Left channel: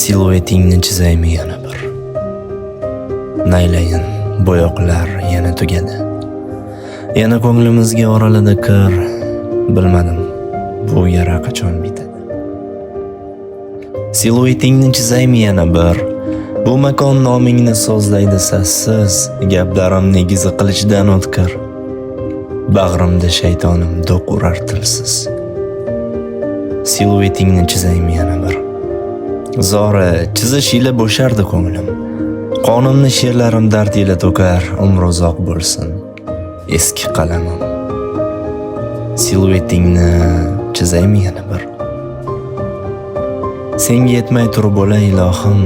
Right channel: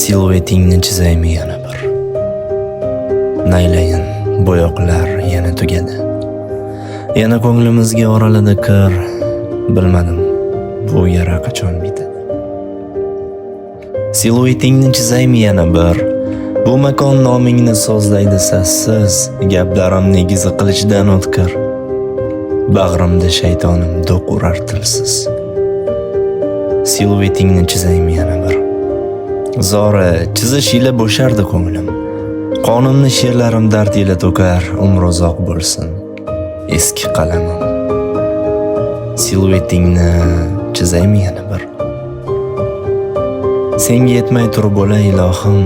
Siluetingni chizaymi yana bir. Naylayin bo'yoqlar yana tugadi. Yana ko'nglimizga oraladi kir. Bilmadim bu yara qachon bitadi. Siluetingni chizaymi yana bir. Bu makon nomingni so'zlaydi sassiz, gaplarim negizi qilichdan o'tkir. Bag'rimda shaytonim do'q urar tilsiz. Siluetingni chizaymi yana bir. Zora chizish ila bo'shardi ko'nglim. Qonimni she'rlarim dard ila to'kar, umr uzoq bo'lsin eski qalamim. Siluetingni chizaymi yana bir. Senga yetmay turib bo'lay ilohim.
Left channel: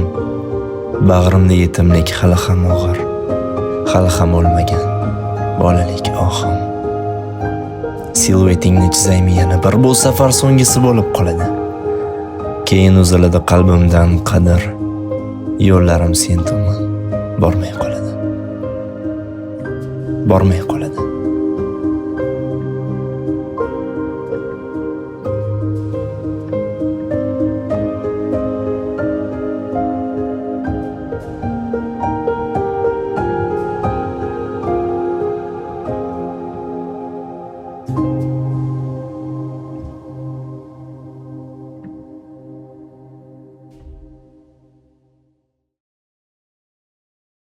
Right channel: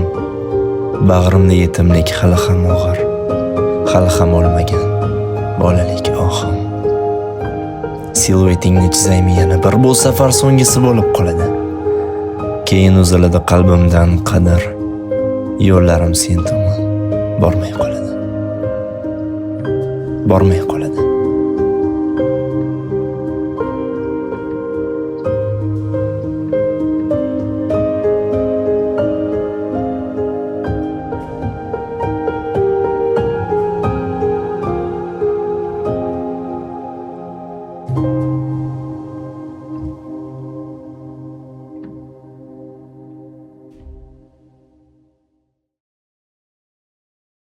Bag'rimda yetimlik hali ham og'ir. Hali ham olmagan bolalik ohim. Siluetingni chizaymi yana bir. Bu safar so'nggisi bo'lib qoladi. Keyin uziladi qalbimdan qadr. Yo'llarim sen tomon bormay qoladi.